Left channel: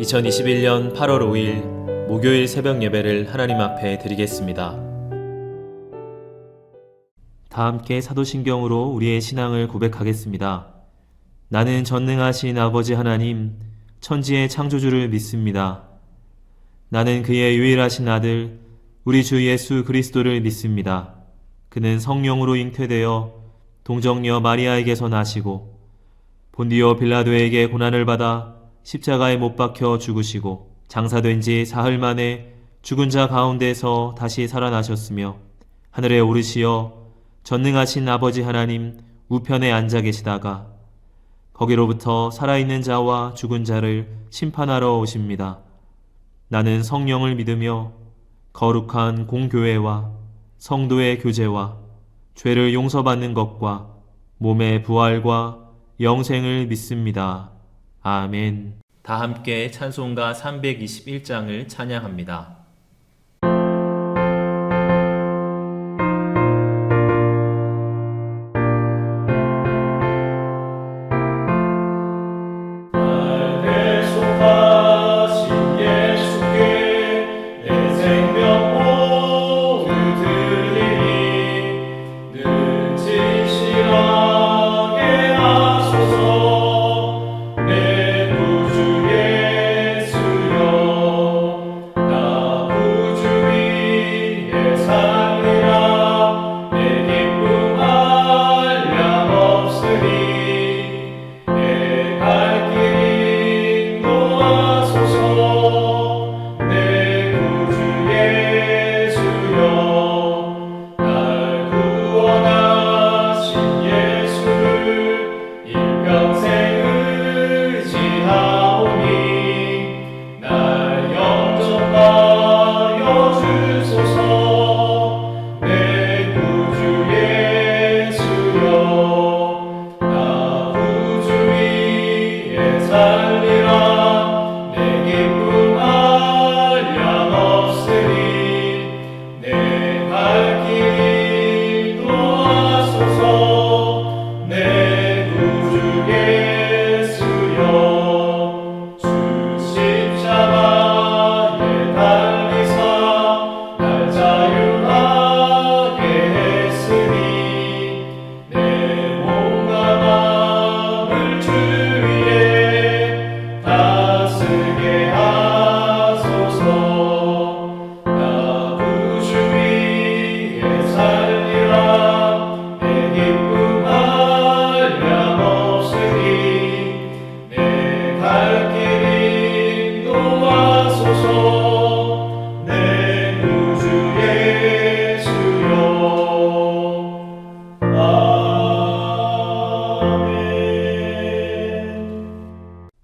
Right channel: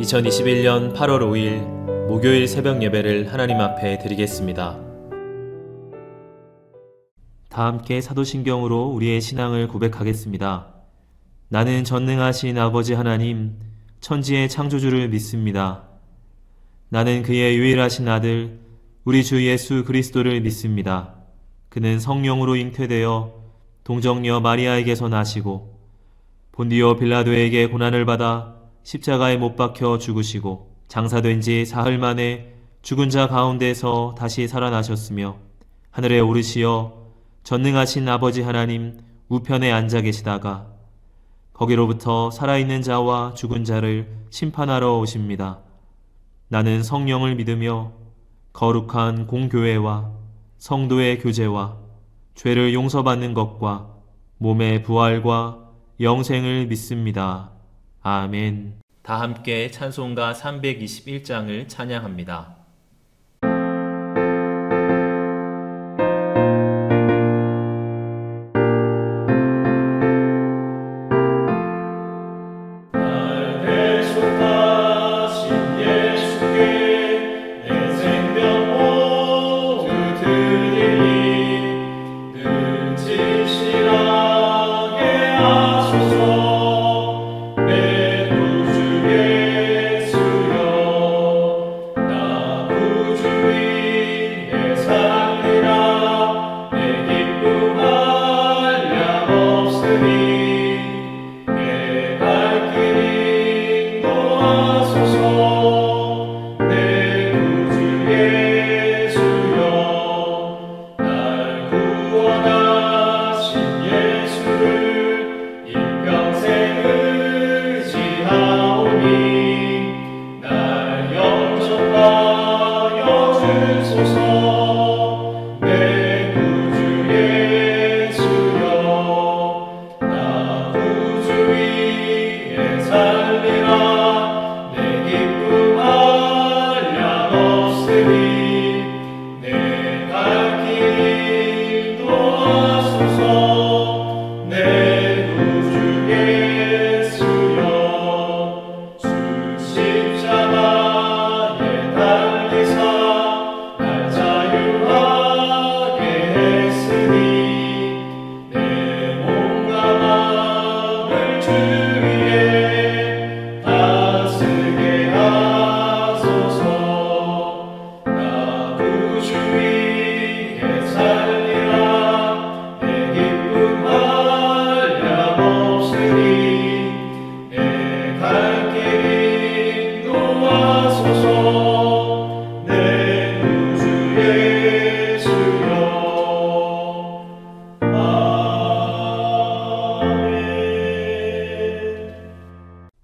2021년 8월 5일 목요일 새벽 예배를 하나님 앞에 드리겠습니다. 다 함께 사도신경으로 우리의 신앙을 고백하겠습니다. 나는 전능하신 아버지 하나님, 천지의 창조주를 믿습니다. 나는 그의 유일하신 아들, 우리 주 예수 그리스도를 믿습니다. 그는 성령으로 잉태되어 동정녀 마리아에게서 나시고 본디오 빌라도에게 고난을 받아 십자가에 못 박혀 죽으시고 장사된 지 사흘 만에 죽은 자 가운데서 다시 살아나셨으며 하늘에 오르시어 전능하신 아버지 하나님 우편에 앉아 계시다가 거기로부터 살아있는 자와 죽은 자를 심판하러 오십니다. 나는 성령을 믿으며 거룩한 공교회와 성도의 교제와 죄를 용서받는 것과 몸의 부활과 영생을 믿습니다. 아멘. 다 함께 찬송가 321장을 찬양합니다.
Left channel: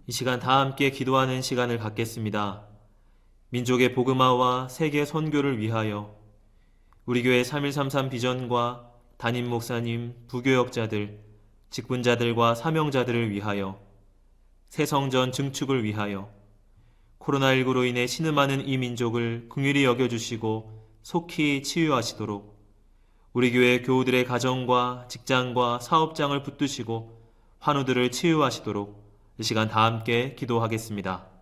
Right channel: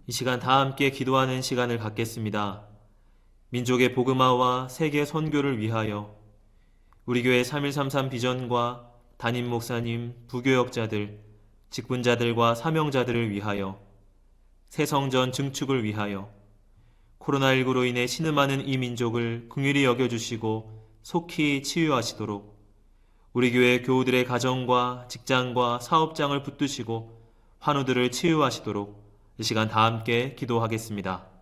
이 시간 다 함께 기도하는 시간을 갖겠습니다. 민족의 복음화와 세계 선교를 위하여 우리 교회 3133 비전과 담임 목사님, 부교역자들, 직분자들과 사명자들을 위하여 새성전 증축을 위하여 코로나19로 인해 신음하는 이 민족을 긍휼히 여겨주시고 속히 치유하시도록 우리 교회 교우들의 가정과 직장과 사업장을 붙드시고 환우들을 치유하시도록 이 시간 다 함께 기도하겠습니다.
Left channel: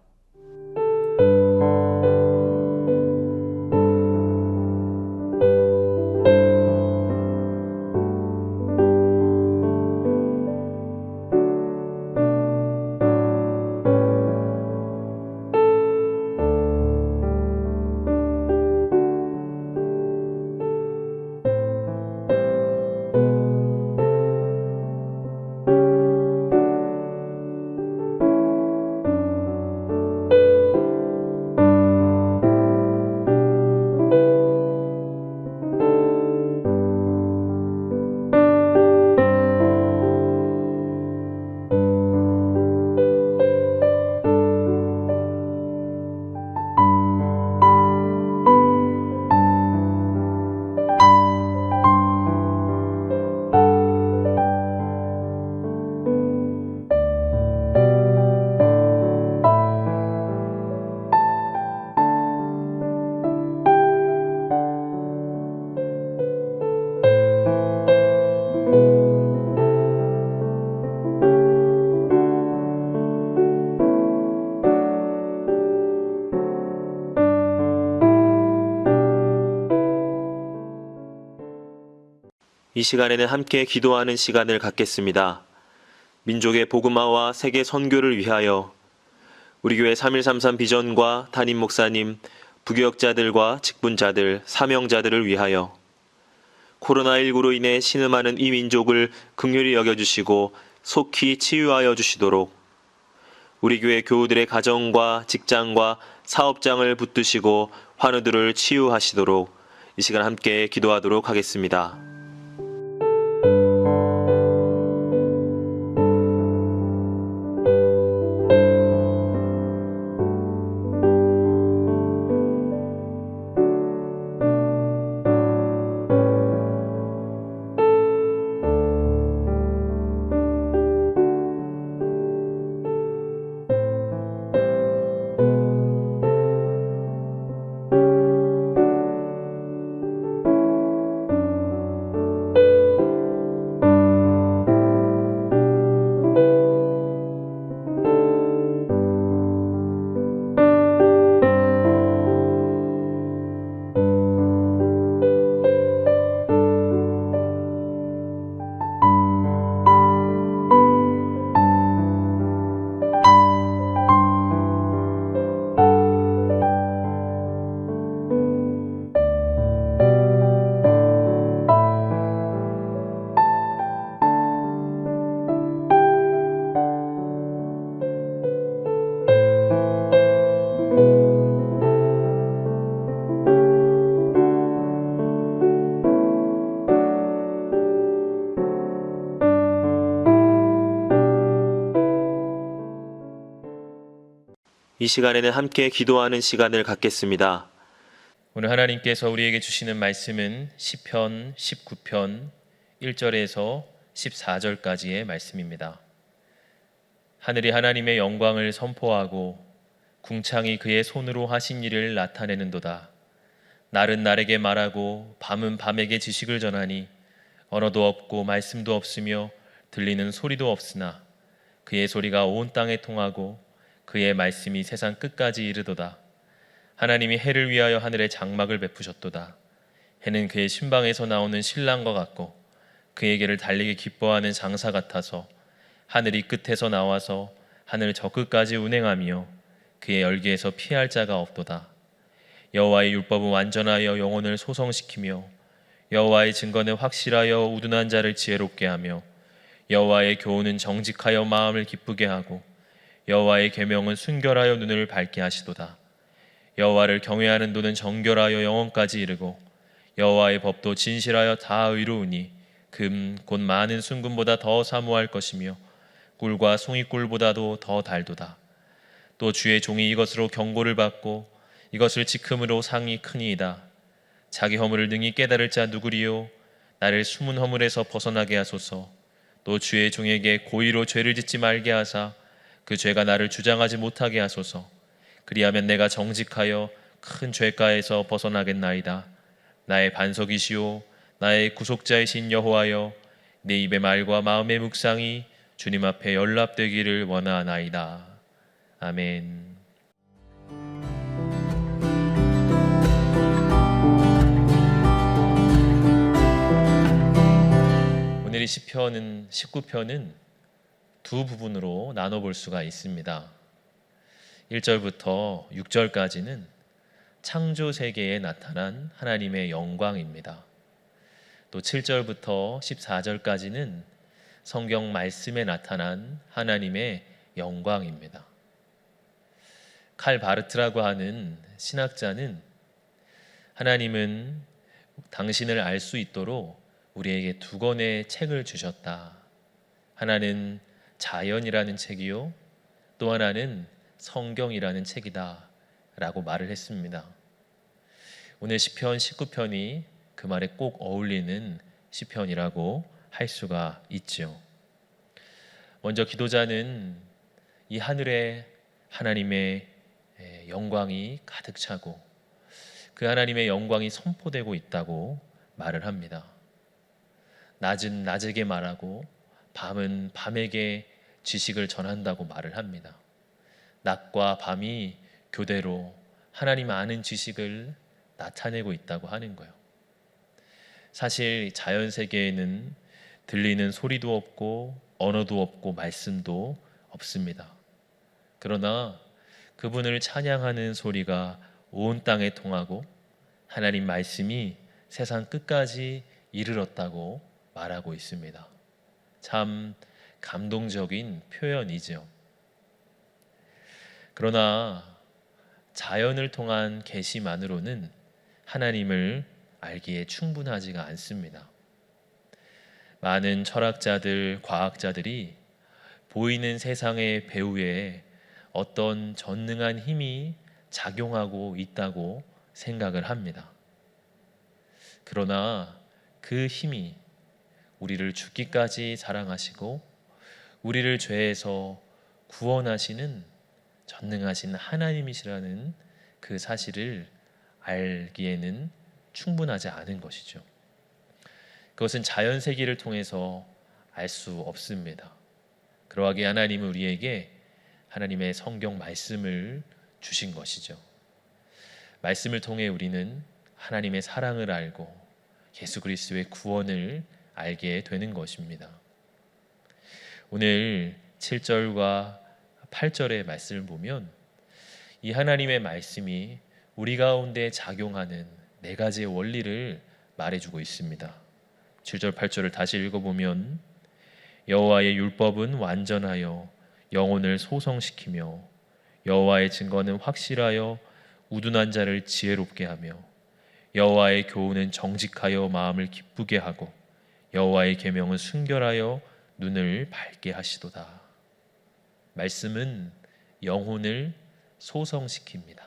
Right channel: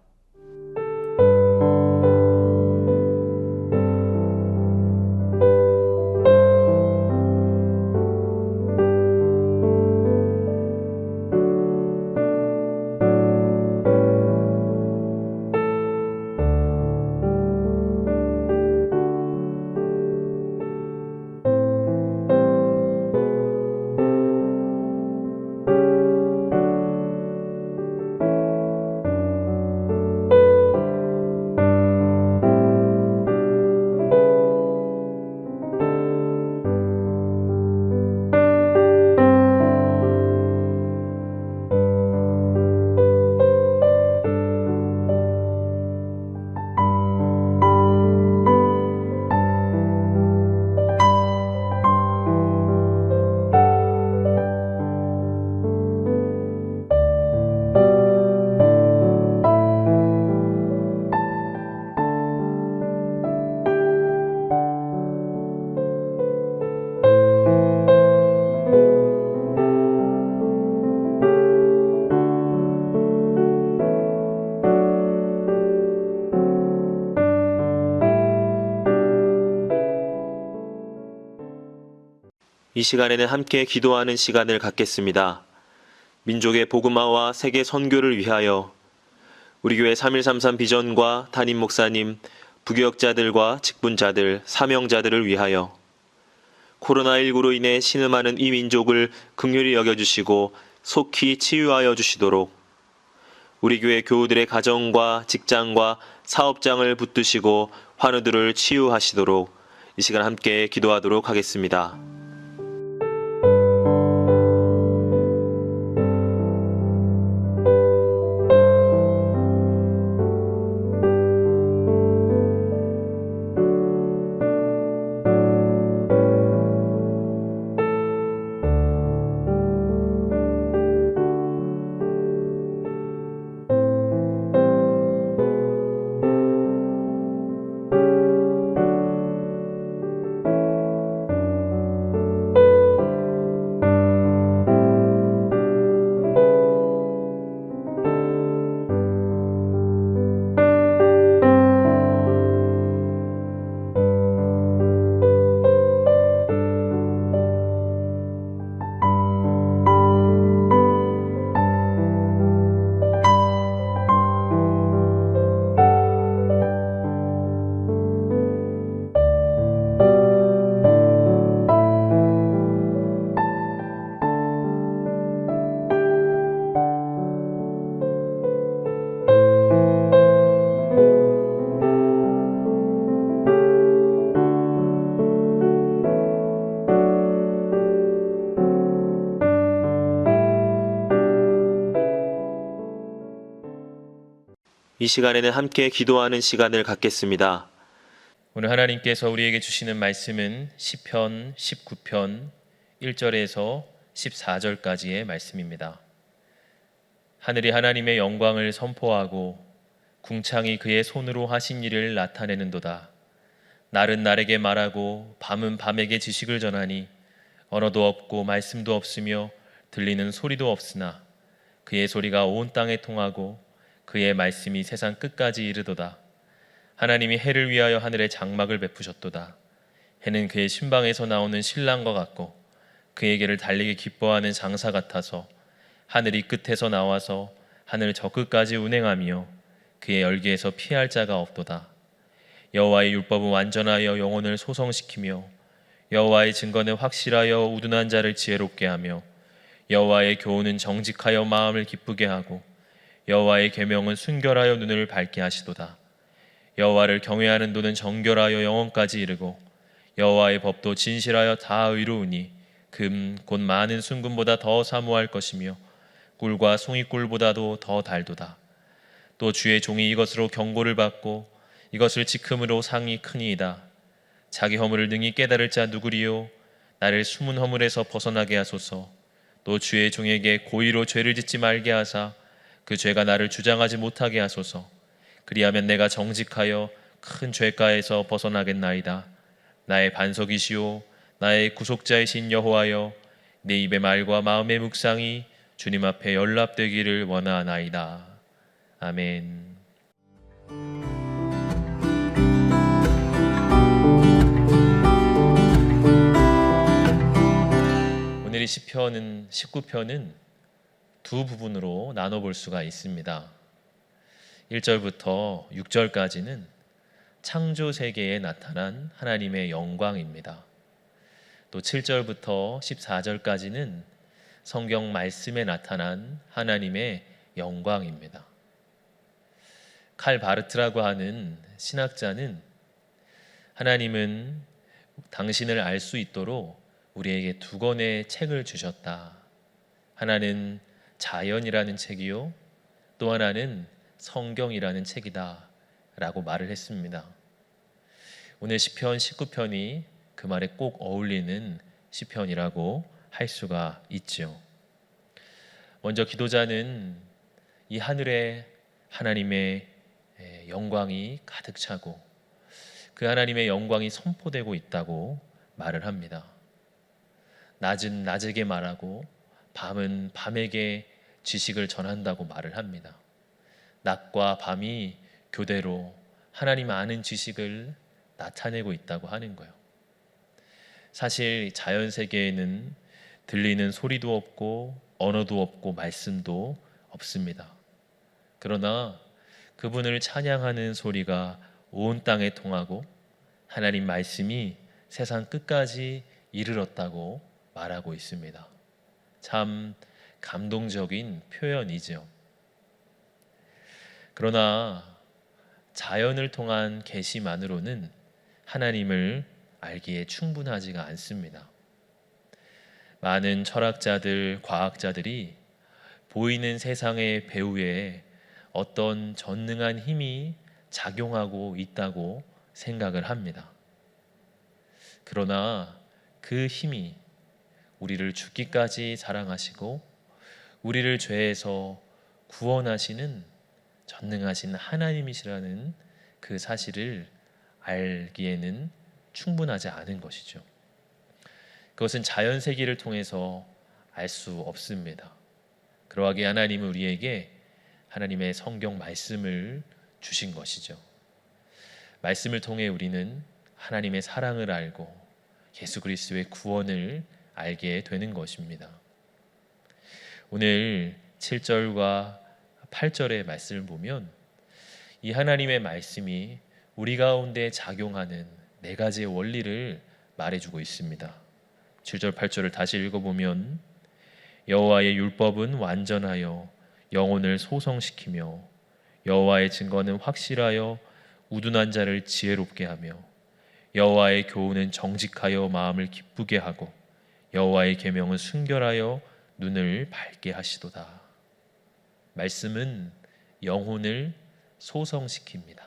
이 시간에는 함께 기도하는 시간을 갖겠습니다. 민족의 복음화와 세계 선교를 위하여 우리 교회 3133 비전과 담임 목사님, 부교역자들과 직분자들, 사명자들을 위하여 코로나19로 인해 신음하는 이 민족을 긍휼히 여겨주시고 속히 치유하여 주시도록 우리 교회 교우들의 가정과 직장과 사업장을 붙드시고 환우들을 치유하시도록 이 시간 함께 기도하도록 하겠습니다. 이 시간에는 함께 기도하는 시간을 갖겠습니다. 오늘 하나님께서 우리에게 주시는 말씀은 시편 19편 1절에서 14절까지의 말씀입니다. 하늘이 하나님의 영광을 선포하고 궁창이 그의 손으로 하신 일을 나타내는도다. 날은 날에게 말하고 밤은 밤에게 지식을 전하니 언어도 없고 말씀도 없으며 들리는 소리도 없으나 그의 소리가 온 땅에 통하고 그의 말씀이 세상 끝까지 이르도다. 하나님이 해를 위하여 하늘에 장막을 베푸셨도다. 해는 그의 신방에서 나오는 신랑과 같고 그에게를 달리기 기뻐하는 장사 같아서 하늘이 끝에서 나와서 하늘 저 끝까지 운행하며 그의 열기에서 피할 자가 없도다. 여호와의 율법은 완전하여 영혼을 소성시키며 여호와의 증거는 확실하여 우둔한 자를 지혜롭게 하며 여호와의 교훈은 정직하여 마음을 기쁘게 하고 여호와의 계명은 순결하여 눈을 밝게 하시도다. 여호와를 경외하는 도는 정결하여 영원까지 이르고 여호와의 법도 진실하여 다 의로우니 금 곧 많은 순금보다 더 사모할 것이며 꿀과 송이꿀보다도 더 달도다. 또 주의 종이 이것으로 경고를 받고 이것을 지킴으로 상이 크니이다. 자기 허물을 능히 깨달을 자 누구리요? 나를 숨은 허물에서 벗어나게 하소서. 또 주의 종에게 고의로 죄를 짓지 말게 하사 그 죄가 나를 주장하지 못하게 하소서. 그리하면 내가 정직하여 큰 죄가에서 벗어나겠나이다. 나의 반석이시오 나의 구속자이신 여호와여, 내 입의 말과 마음의 묵상이 주님 앞에 연락되기를 원하나이다. 아멘. 오늘의 시편은 19편은 두 부분으로 나눠볼 수가 있습니다. 1절부터 6절까지는 창조 세계에 나타난 하나님의 영광입니다. 또 7절부터 14절까지는 성경 말씀에 나타난 하나님의 영광입니다. 칼 바르트라고 하는 신학자는 하나님은 당신을 알 수 있도록 우리에게 두 권의 책을 주셨다. 하나는 자연이라는 책이요, 또 하나는 성경이라는 책이다 라고 말을 했습니다. 오늘 시편 19편이 그 말에 꼭 어울리는 시편이라고 할 수가 있죠. 먼저 기도자는 이 하늘에 하나님의 영광이 가득 차고 그 하나님의 영광이 선포되고 있다고 말을 합니다. 낮은 낮에게 말하고 밤은 밤에게 지식을 전한다고 말을 합니다. 낮과 밤이 교대로 하나님 아는 지식을 나타내고 있다고 하는 거예요. 사실 자연 세계에는 들리는 소리도 없고 언어도 없고 말씀도 없습니다. 그러나 그분을 찬양하는 소리가 온 땅에 통하고 하나님 말씀이 세상 끝까지 이르렀다고 말하고 있습니다. 참 감동적인 표현이죠. 그러나 자연을 통한 계시만으로는 하나님을 알기에 충분하지가 않습니다. 많은 철학자들, 과학자들이 보이는 세상의 배후에 어떤 전능한 힘이 작용하고 있다고 생각을 합니다. 그러나 그 힘이 우리를 죽기까지 사랑하시고 우리를 죄에서 구원하시는 전능하신 하나님이시라는 그 사실을 알기에는 충분하지 않은 것이죠. 그것은 자연 세계를 통해서 알 수 없습니다. 그러하기에 하나님은 우리에게 하나님의 성경 말씀을 주신 것이죠. 말씀을 통해 우리는 하나님의 사랑을 알고 예수 그리스도의 구원을 알게 되는 것입니다. 오늘 7절과 8절의 말씀을 보면 이 하나님의 말씀이 우리 가운데 작용하는 네 가지의 원리를 말해주고 있습니다. 7절 8절을 다시 읽어보면 여호와의 율법은 완전하여 영혼을 소성시키며 여호와의 증거는 확실하여 우둔한 자를 지혜롭게 하며 여호와의 교훈은 정직하여 마음을 기쁘게 하고 여호와의 계명은 순결하여 눈을 밝게 하시도다. 말씀은 영혼을 소성시킵니다.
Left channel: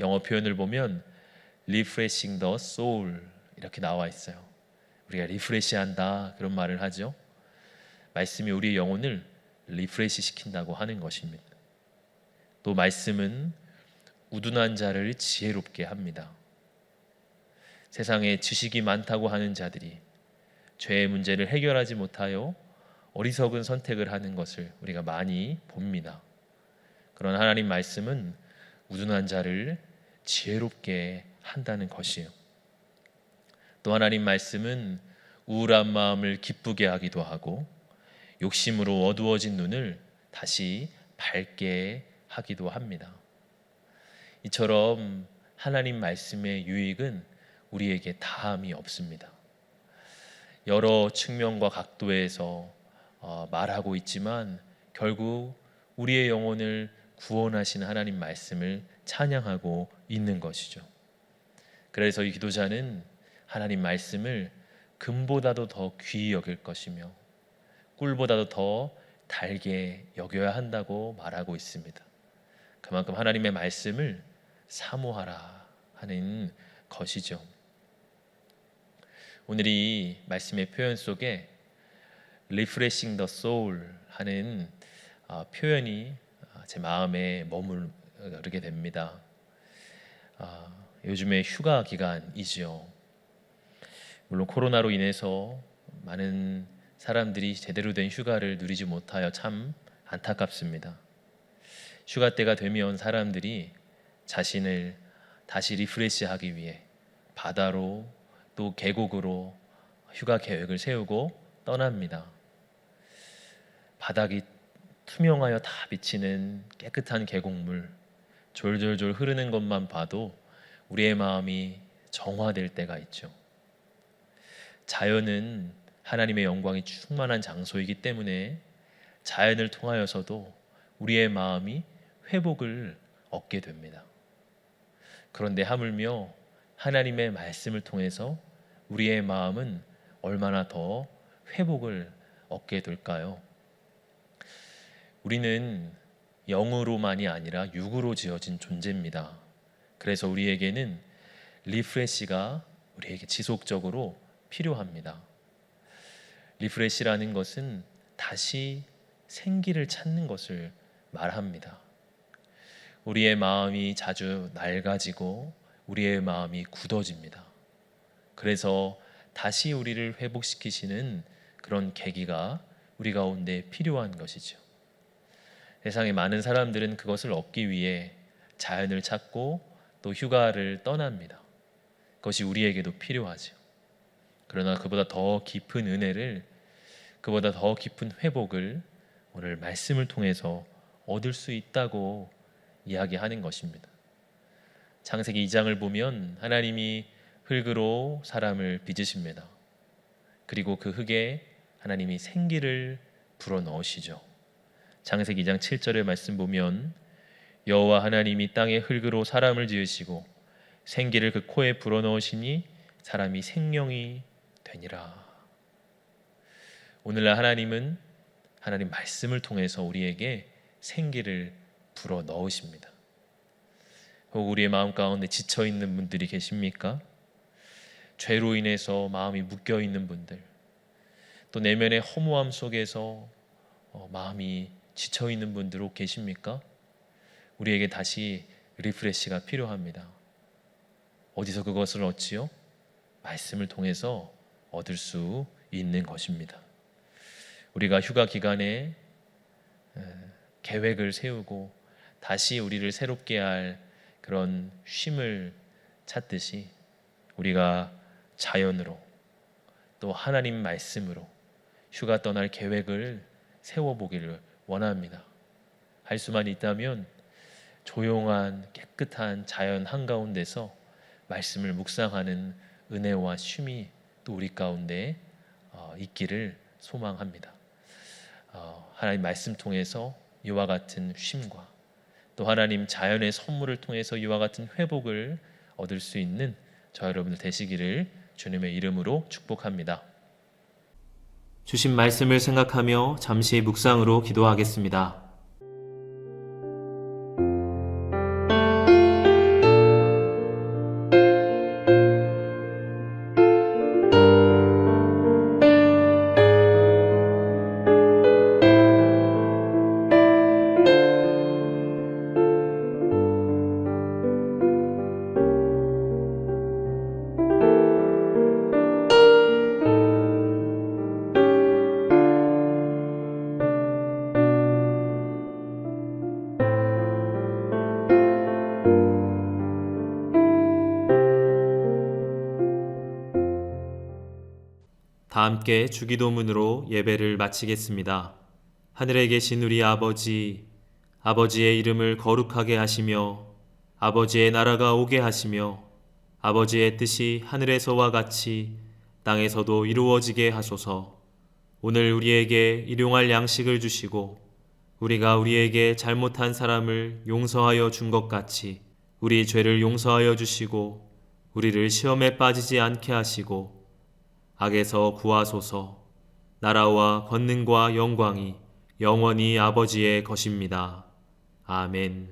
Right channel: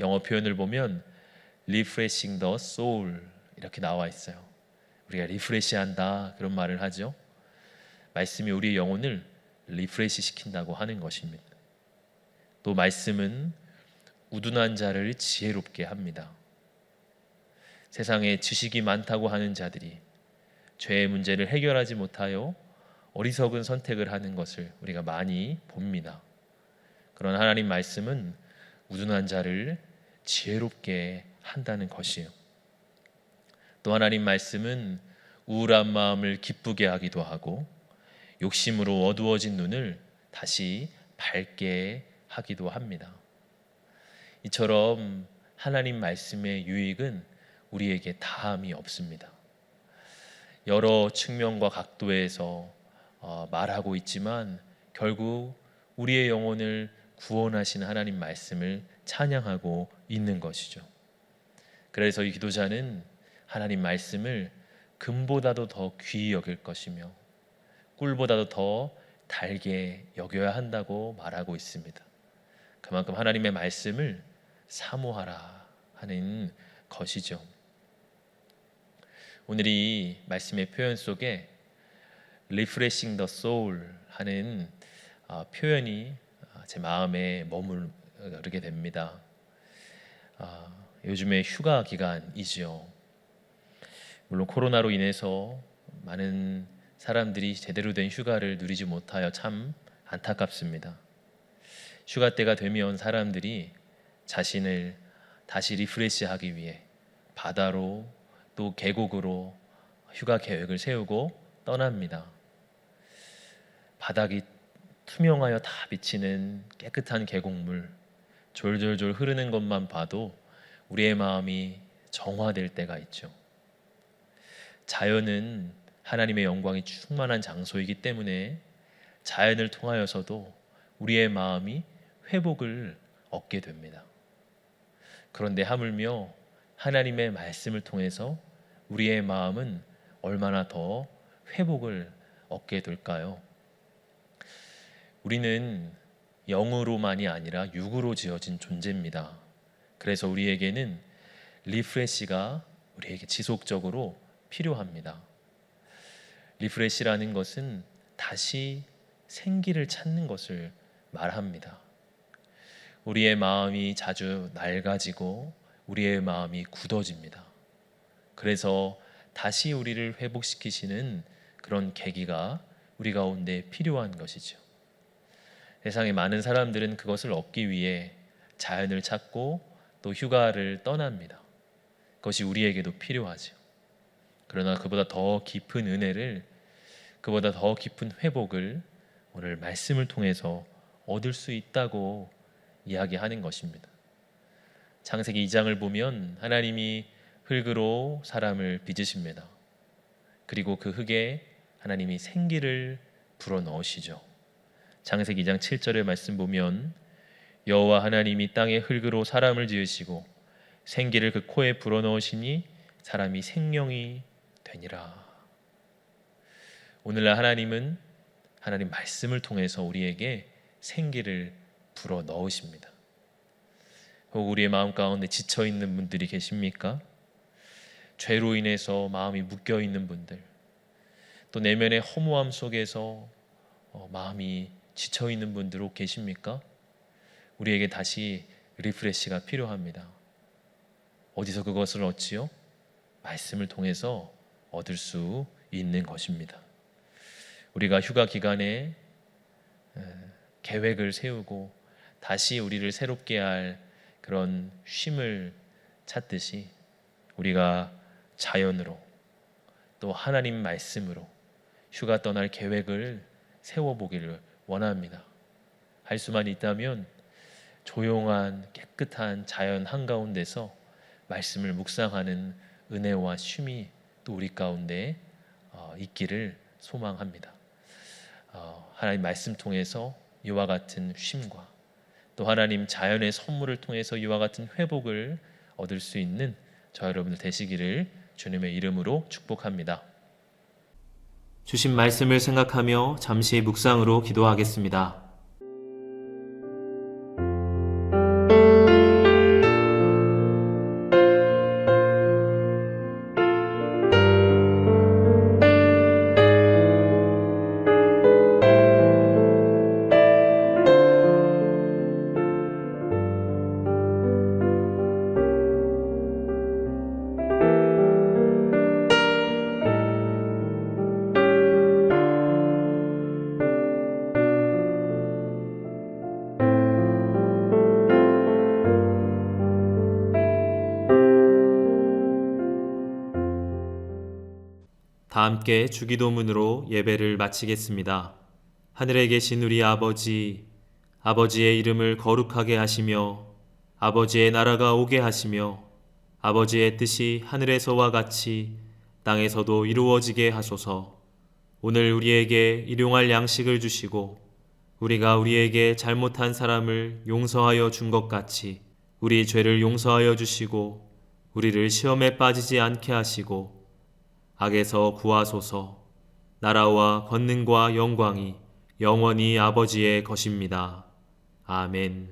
영어 표현을 보면 refreshing the soul 이렇게 나와 있어요. 우리가 리프레시한다 그런 말을 하죠. 말씀이 우리의 영혼을 리프레시 시킨다고 하는 것입니다. 또 말씀은 우둔한 자를 지혜롭게 합니다. 세상에 지식이 많다고 하는 자들이 죄의 문제를 해결하지 못하여 어리석은 선택을 하는 것을 우리가 많이 봅니다. 그런 하나님 말씀은 우둔한 자를 지혜롭게 한다는 것이에요. 또 하나님 말씀은 우울한 마음을 기쁘게 하기도 하고 욕심으로 어두워진 눈을 다시 밝게 하기도 합니다. 이처럼 하나님 말씀의 유익은 우리에게 다함이 없습니다. 여러 측면과 각도에서 말하고 있지만 결국 우리의 영혼을 구원하신 하나님 말씀을 찬양하고 있는 것이죠. 그래서 이 기도자는 하나님 말씀을 금보다도 더 귀히 여길 것이며 꿀보다도 더 달게 여겨야 한다고 말하고 있습니다. 그만큼 하나님의 말씀을 사모하라 하는 것이죠. 오늘 이 말씀의 표현 속에 refreshing the soul 하는 표현이 제 마음에 머무르게 됩니다. 요즘에 휴가 기간이지요. 물론 코로나로 인해서 많은 사람들이 제대로 된 휴가를 누리지 못하여 참 안타깝습니다. 휴가 때가 되면 사람들이 자신을 다시 리프레시하기 위해 바다로 또 계곡으로 휴가 계획을 세우고 떠납니다. 바닥이 투명하여 다 비치는 깨끗한 계곡물, 졸졸졸 흐르는 것만 봐도 우리의 마음이 정화될 때가 있죠. 자연은 하나님의 영광이 충만한 장소이기 때문에 자연을 통하여서도 우리의 마음이 회복을 얻게 됩니다. 그런데 하물며 하나님의 말씀을 통해서 우리의 마음은 얼마나 더 회복을 얻게 될까요? 우리는 영으로만이 아니라 육으로 지어진 존재입니다. 그래서 우리에게는 리프레시가 우리에게 지속적으로 필요합니다. 리프레시라는 것은 다시 생기를 찾는 것을 말합니다. 우리의 마음이 자주 낡아지고 우리의 마음이 굳어집니다. 그래서 다시 우리를 회복시키시는 그런 계기가 우리 가운데 필요한 것이죠. 세상에 많은 사람들은 그것을 얻기 위해 자연을 찾고 또 휴가를 떠납니다. 그것이 우리에게도 필요하죠. 그러나 그보다 더 깊은 은혜를, 그보다 더 깊은 회복을 오늘 말씀을 통해서 얻을 수 있다고 이야기하는 것입니다. 창세기 2장을 보면 하나님이 흙으로 사람을 빚으십니다. 그리고 그 흙에 하나님이 생기를 불어넣으시죠. 창세기 2장 7절의 말씀 보면 여호와 하나님이 땅의 흙으로 사람을 지으시고 생기를 그 코에 불어넣으시니 사람이 생명이 되니라. 오늘날 하나님은 하나님 말씀을 통해서 우리에게 생기를 불어넣으십니다. 혹 우리의 마음 가운데 지쳐있는 분들이 계십니까? 죄로 인해서 마음이 묶여있는 분들, 또 내면의 허무함 속에서 마음이 지쳐있는 분들 혹 계십니까? 우리에게 다시 리프레시가 필요합니다. 어디서 그것을 얻지요? 말씀을 통해서 얻을 수 있는 것입니다. 우리가 휴가 기간에 계획을 세우고 다시 우리를 새롭게 할 그런 쉼을 찾듯이 우리가 자연으로 또 하나님 말씀으로 휴가 떠날 계획을 세워보기를 원합니다. 할 수만 있다면 조용한 깨끗한 자연 한가운데서 말씀을 묵상하는 은혜와 쉼이 또 우리 가운데 있기를 소망합니다. 하나님 말씀 통해서 이와 같은 쉼과 또 하나님 자연의 선물을 통해서 이와 같은 회복을 얻을 수 있는 저 여러분들 되시기를 주님의 이름으로 축복합니다. 주신 말씀을 생각하며 잠시 묵상으로 기도하겠습니다. 다 함께 주기도문으로 예배를 마치겠습니다. 하늘에 계신 우리 아버지, 아버지의 이름을 거룩하게 하시며 아버지의 나라가 오게 하시며 아버지의 뜻이 하늘에서와 같이 땅에서도 이루어지게 하소서. 오늘 우리에게 일용할 양식을 주시고 우리가 우리에게 잘못한 사람을 용서하여 준 것 같이 우리 죄를 용서하여 주시고 우리를 시험에 빠지지 않게 하시고 악에서 구하소서. 나라와 권능과 영광이 영원히 아버지의 것입니다. 아멘.